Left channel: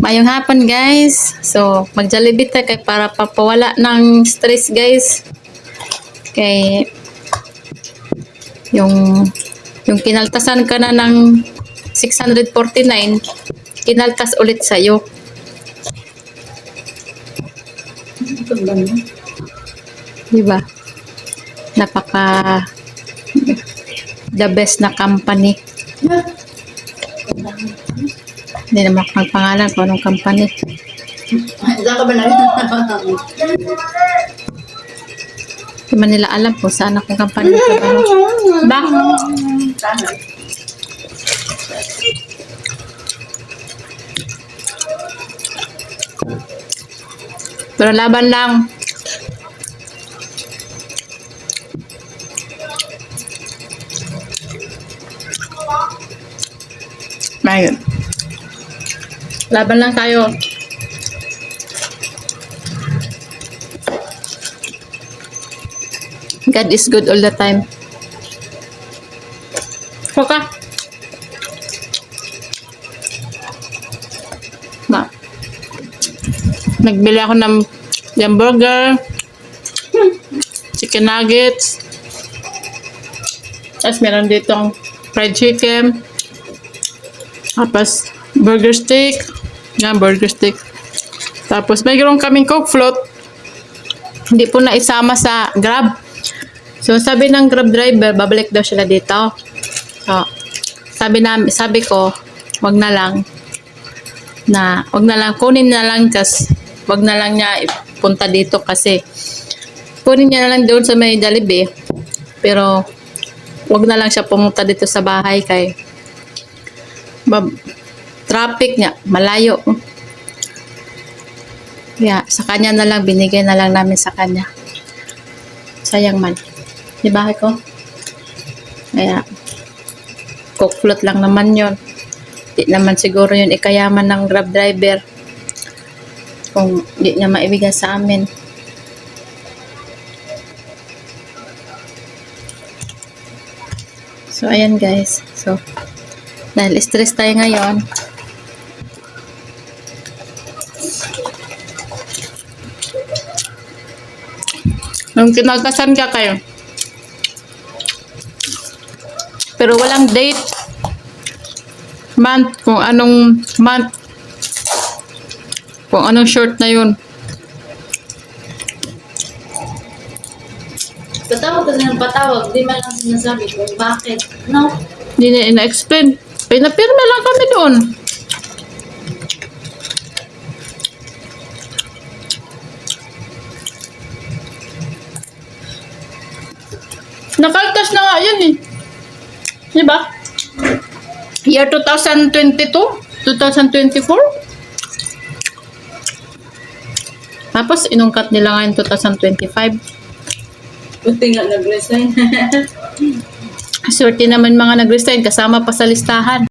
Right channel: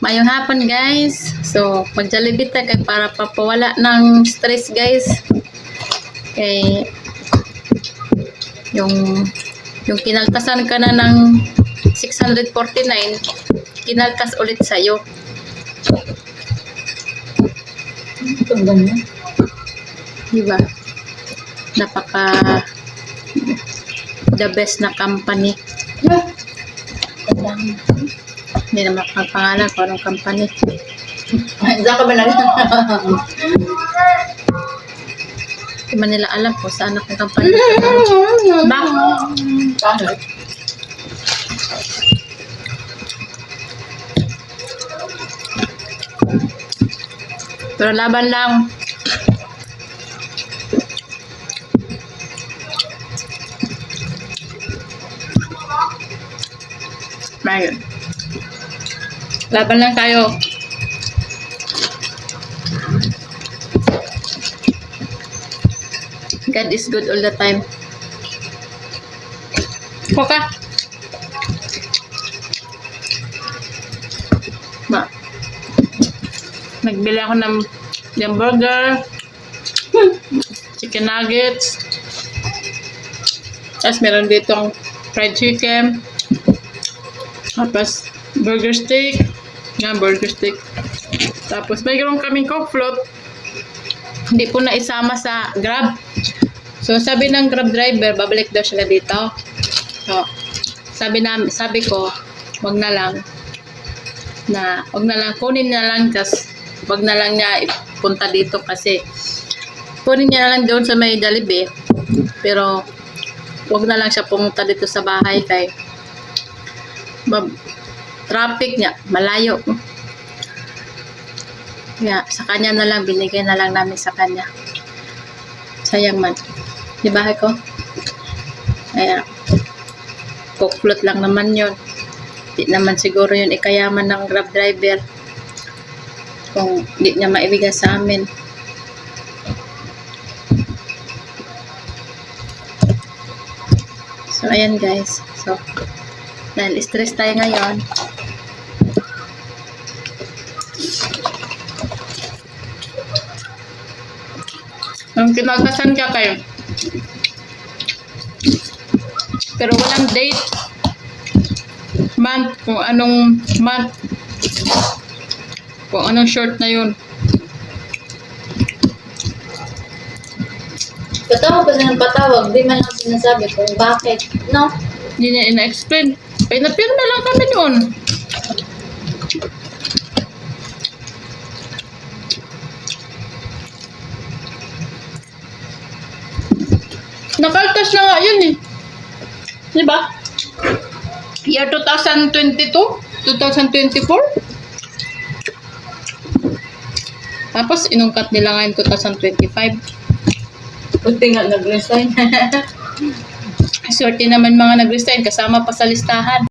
Mayong hapon guys. So, mag-Jollibee ta kay para papawala ng stress guys. Kay yung kinaltasan ka na ng 649, kinaltas ulit sa'yo. Itong ganyan. Diba? Napaka the best na company. Hindi naman akong pangalan kung anong company. Diyan ka ba na rin? Hindi man nila alam kung saan akong company. Ba? Pero laban lang. Ayun. Laban lang tayo. God is good all the time. Okay. Ba. Nagbili ako ng hamburger, chicken nuggets, tapos meron ditong fried chicken, tapos burger steak, burger steak. Tapos mayroon kaming Coke float, hindi po na isama sa Grab. So sabi ng Grab driver, babalik daw sila dito. So sabi ko, wag na lang, kunin na lang, kasi wag na lang niya ipunta dito kasi kunin niya na lang doon sa may Jollibee. Pero wag na lang siya pumunta dito sa bahay kay traffic niya, malayo. Kaya sa kanya na lang, binigay na lang namin sa kanya. Sayang man. Di bahay ko? Kaya Coke float lang naman yun. Di naman siguro yun ikayaman ng Grab driver kung di niya maibigay sa amin. So ayan guys. So dahil stress tayo ngayon, nung kinagasan ka kayo, pero walang date, month, kung anong short na yun. Patawag ko siya ng patawag, di man lang sinasabi kung bakit. No? Hindi na ina-explain. Ay, napirma lang kami doon. Nakaltas na nga yun eh. Diba? Year 2022? 2024? Tapos, inungkat nila ngayon 2025. Buti nga nag-resign. Swerte naman mga nag-resign, kasama pa sa listahan.